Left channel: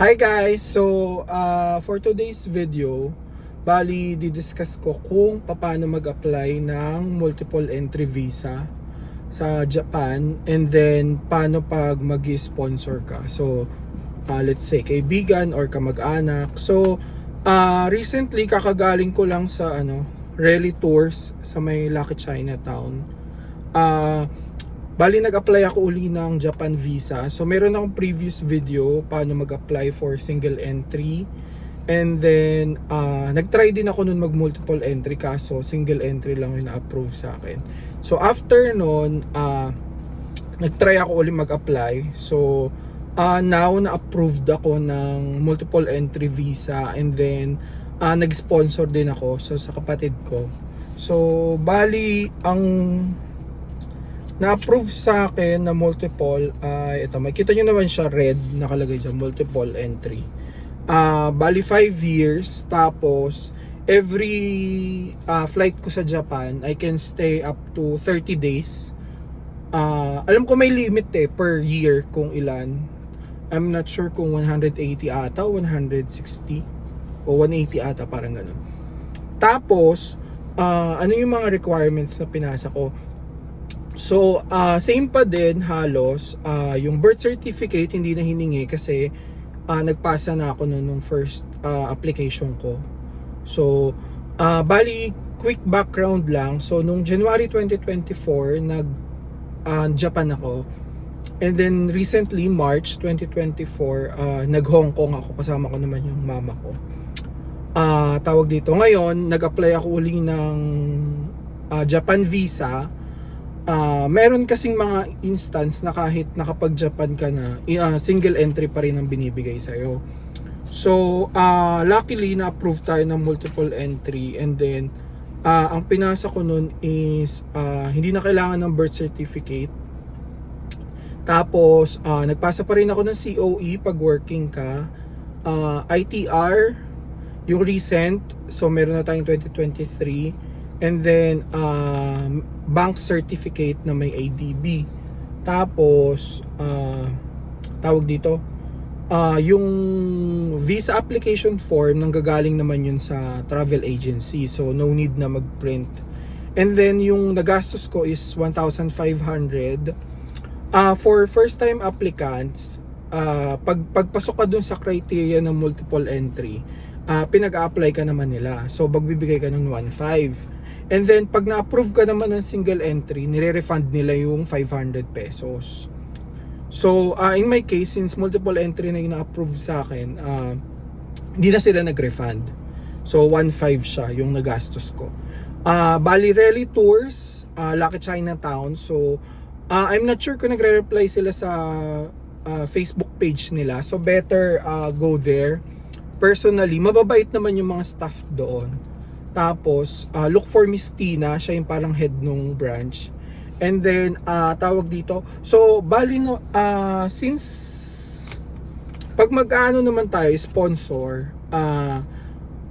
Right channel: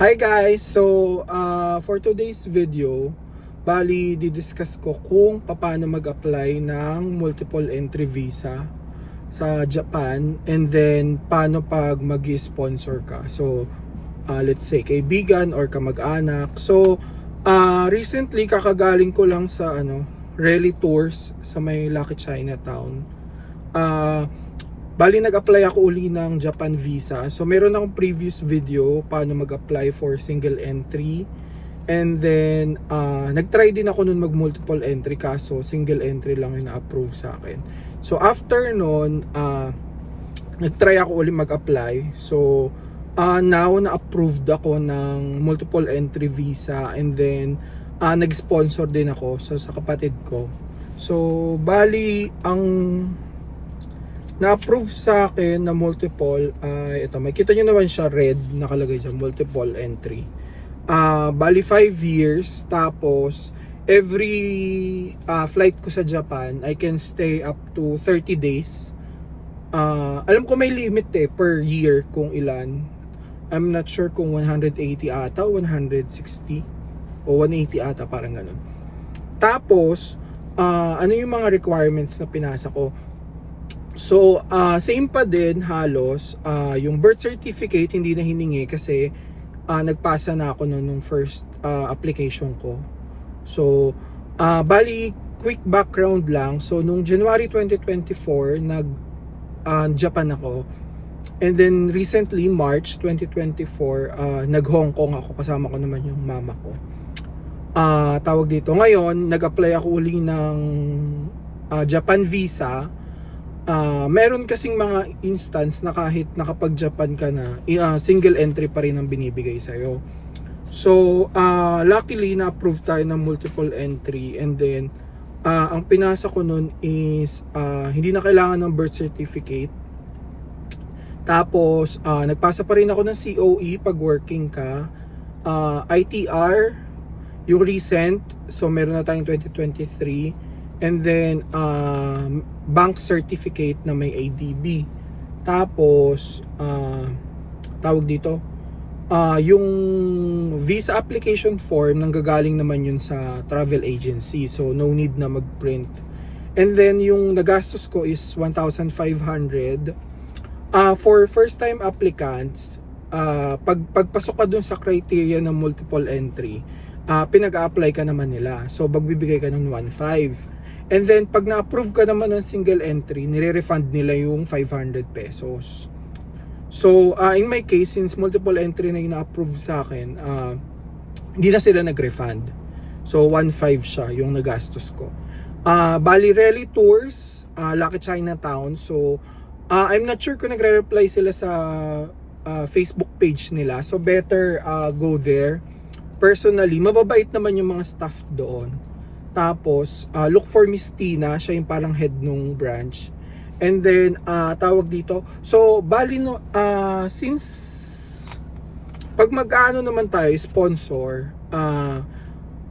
Hi guys! So, for today's video, bali didiscuss ko kung paano mag-apply ng multiple entry visa sa Japan, and then paano pag mag-sponsor ka. So, let's say kaibigan or kamag-anak. So, recently kakagaling ko lang sa Rally Tours sa may Lucky Chinatown. Bali nag-apply ako uli ng Japan visa. So meron akong previous video paano mag-apply for single entry. And then nag-try din ako nun mag multiple entry, kaso single entry lang yung na-approve sa akin. So after nun, nag-try ako uli mag-apply. So now na-approved ako ng multiple entry visa, and then nag-sponsor din ako sa kapatid ko. So bali ang na-approve sa akin na multiple, ito, makita nyo naman siya, red, nakalagay siya, multiple entry. Bali 5 years, tapos every flight ko sa Japan, I can stay up to 30 days. Alam ko may limit per year kung ilan. I'm not sure kung 180 ata, 160, o 180 ata, parang ganun. Tapos, ano yung mga requirements na pinasa ko? So, same pa din halos. Yung birth certificate hindi na hiningi kasi nagpasa na ako nung first application ko. So, bali quick background lang. So, nung January 2024, Japan ako. And then recently, March 2024, nag-Hong Kong ako. Kasama ko naman yung mama ko. Tawag dito. Ngayon, nag-apply ako uli ng Japan visa. Meron kasing mga instance na kahit nakapag-Japan ka na, single entry pa rin ang binibigay sa'yo. So, luckily na-approve tayo ng multiple entry, and then ang pinasa ko nun is hindi na kailangan ng birth certificate. Tapos, nagpasa pa rin ako ng COE pag working ka. ITR, yung recent, so meron na tayong 2023. And then bank certificate na may ADB. Tapos tawag dito, yung visa application form nanggagaling naman yun sa travel agency, so no need na mag-print. And then yung nagastos ko is 1,500. For first time applicants, pagpasok ka dun sa criteria ng multiple entry, pinag-a-apply ka naman nila, so magbibigay ka ng 1,500. And then, pag na-approve ka naman ng single entry, nire-refund nila yung 500 pesos. So, in my case, since multiple entry na yung na-approve sa akin, hindi na sila nag-refund. So, 1,500 siya yung nagastos ko. Bali, Rally Tours, Lucky Chinatown. So, I'm not sure kung nagre-reply sila sa Facebook page nila. So, better go there. Personally, mababait naman yung mga staff doon. Tapos, look for Miss Tina, siya yung parang head nung branch. And then, tawag dito. So, bali no, since pag mag-ano naman tayo, sponsor,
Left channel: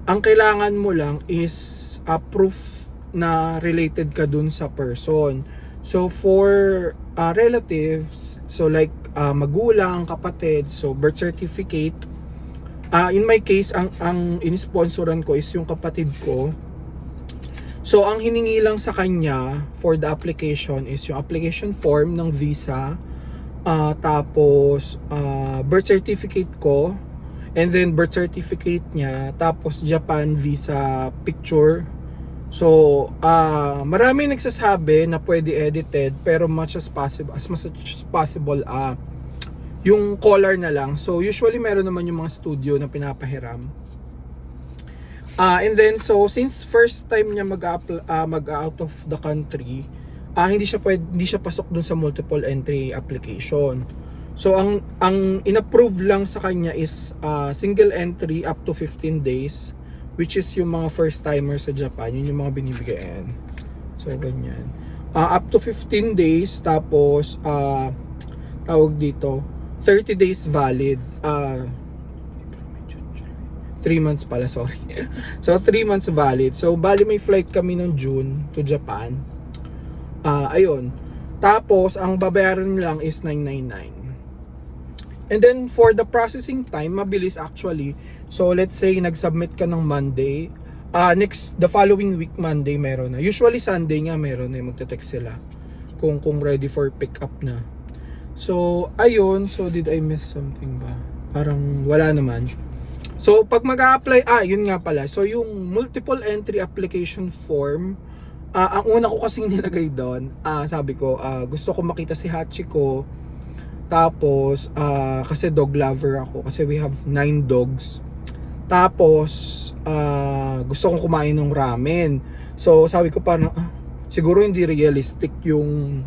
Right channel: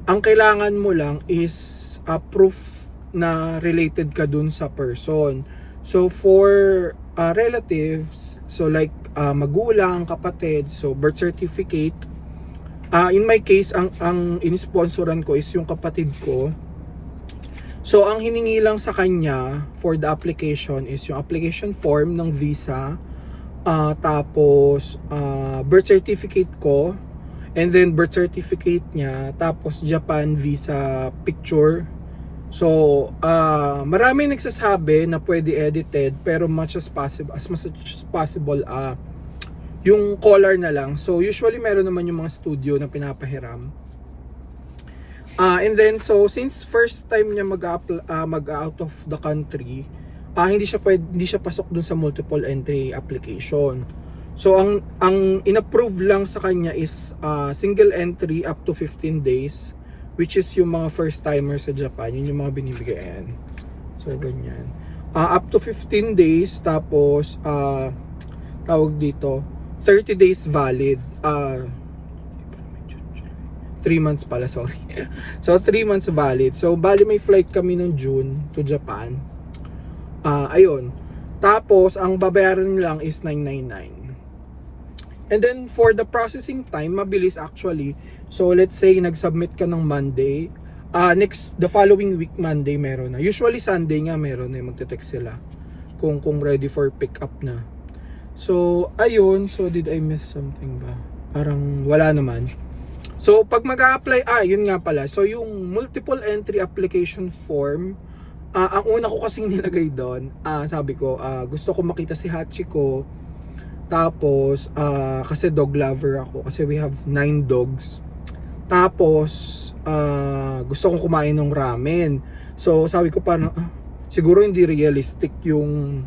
ang kailangan mo lang is proof na related ka dun sa person. So, for relatives, so like magulang, kapatid, so birth certificate. In my case, ang in-sponsoran ko is yung kapatid ko. So, ang hiningi lang sa kanya for the application is yung application form ng visa, tapos birth certificate ko, and then birth certificate niya, tapos Japan visa picture. So, marami nagsasabi na pwede edited, pero much as much as possible, yung color na lang. So usually meron naman yung mga studio na pinapahiram. And then so since first time niya mag-out of the country, hindi siya pasok dun sa multiple entry application. So ang inapprove lang sa kanya is single entry up to 15 days, which is yung mga first timer sa Japan, yun yung mga binibigayan. So ganyan. Up to 15 days, tapos tawag dito, 30 days valid. 3 months pala, sorry. So 3 months valid. So bali may flight kami nung June to Japan. Ayun. Tapos ang babayaran lang is 999. And then for the processing time, mabilis actually. So let's say nag-submit ka ng Monday, the following week Monday meron na. Usually Sunday nga meron na, magte-text sila kung ready for pick up na. So ayun, so did I miss something ba? Parang wala naman. So pag mag-a-apply, yun nga pala. So yung multiple entry application form, ang una ko kasing nilagay doon, sabi ko, gusto ko makita si Hachiko. Tapos, kasi dog lover ako. Kasi we have 9 dogs. Tapos, gusto kong kumain ng ramen. So, sabi ko parang, siguro hindi realistic yung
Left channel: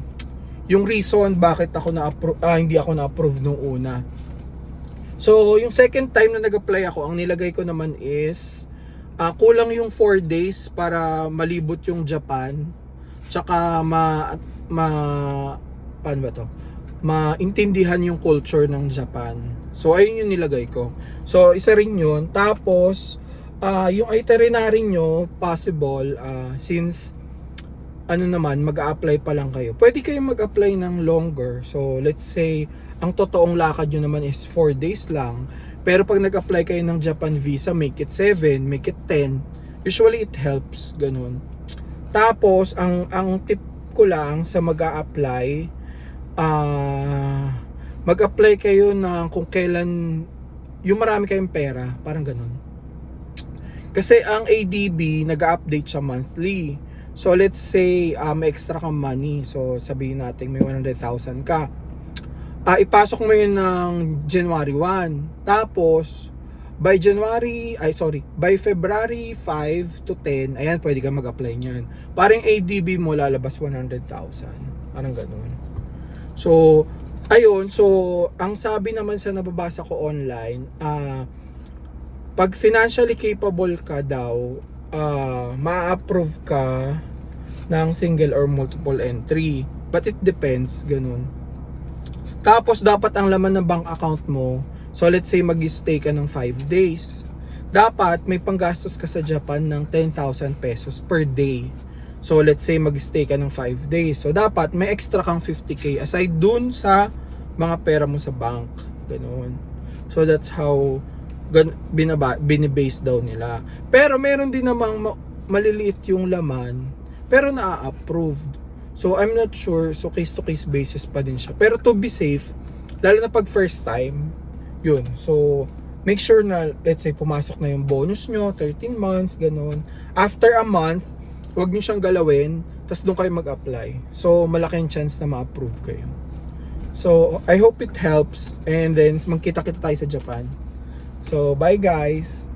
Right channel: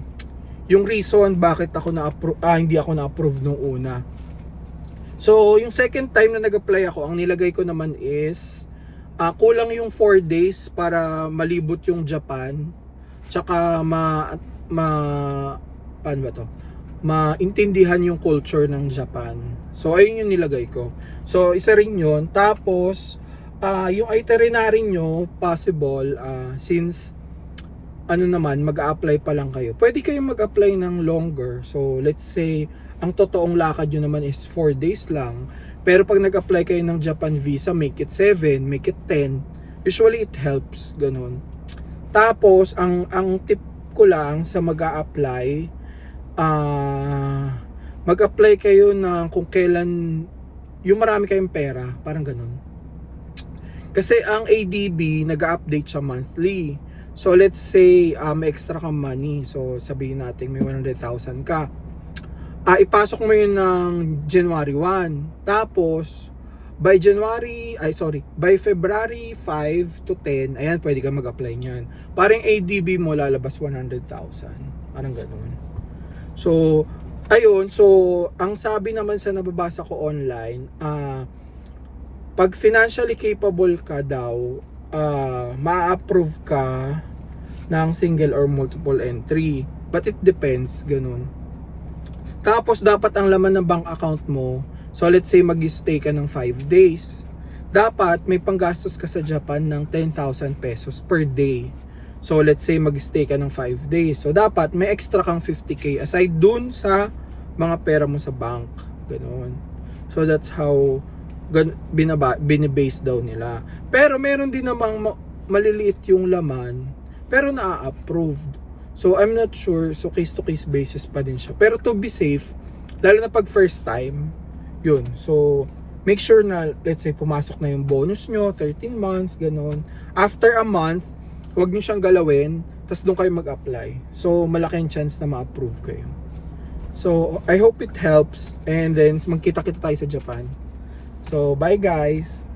reason bakit ako hindi ako na-approve nung una. So, yung second time na nag-apply ako, ang nilagay ko naman is, kulang yung 4 days para malibot yung Japan. Tsaka paano ba to? Maintindihan yung culture ng Japan. So ayun yung nilagay ko. So isa rin yun. Tapos yung itinerary nyo possible, since ano naman, mag-a-apply pa lang kayo, pwede kayong mag-apply ng longer. So let's say ang totoong lakad nyo naman is 4 days lang, pero pag nag-apply kayo ng Japan visa, make it 7, make it 10. Usually it helps, ganun. Tapos ang tip ko lang sa mag-a-apply, mag-apply kayo na kung kailan yung marami kayong pera, parang ganun. Kasi ang ADB nag-update siya monthly. So let's say may extra kang money, so sabihin natin may 100,000 ka, ipasok mo yun ng January 1, tapos by February 5 to 10, ayan, pwede ka mag-apply niyan. Parang ADB mo lalabas 100,000, parang ganun. So, ayun. So, ang sabi naman sa nababasa ko online, pag financially capable ka daw, ma-approve ka ng single or multiple entry. But it depends, ganun. Tapos, dapat ang laman ng bank account mo, so let's say mag-stay ka ng 5 days, dapat may panggastos ka sa Japan ng 10,000 pesos per day. So let's say mag-stay ka ng 5 days. So dapat may extra kang 50k aside dun sa mga pera mo sa bank. Ganoon. So that's how binibase daw nila. Pero meron din namang maliliit yung laman, pero na-approved. So I'm not sure. So case to case basis pa din siya. Pero to be safe, lalo na pag first time, yun. So make sure na let's say pumasok na yung bonus nyo, 13 months, ganoon. After a month, huwag nyo siyang galawin, tapos doon kayo mag-apply. So, malaking chance na ma-approve kayo. So, I hope it helps. And then, magkita-kita tayo sa Japan. So, bye guys!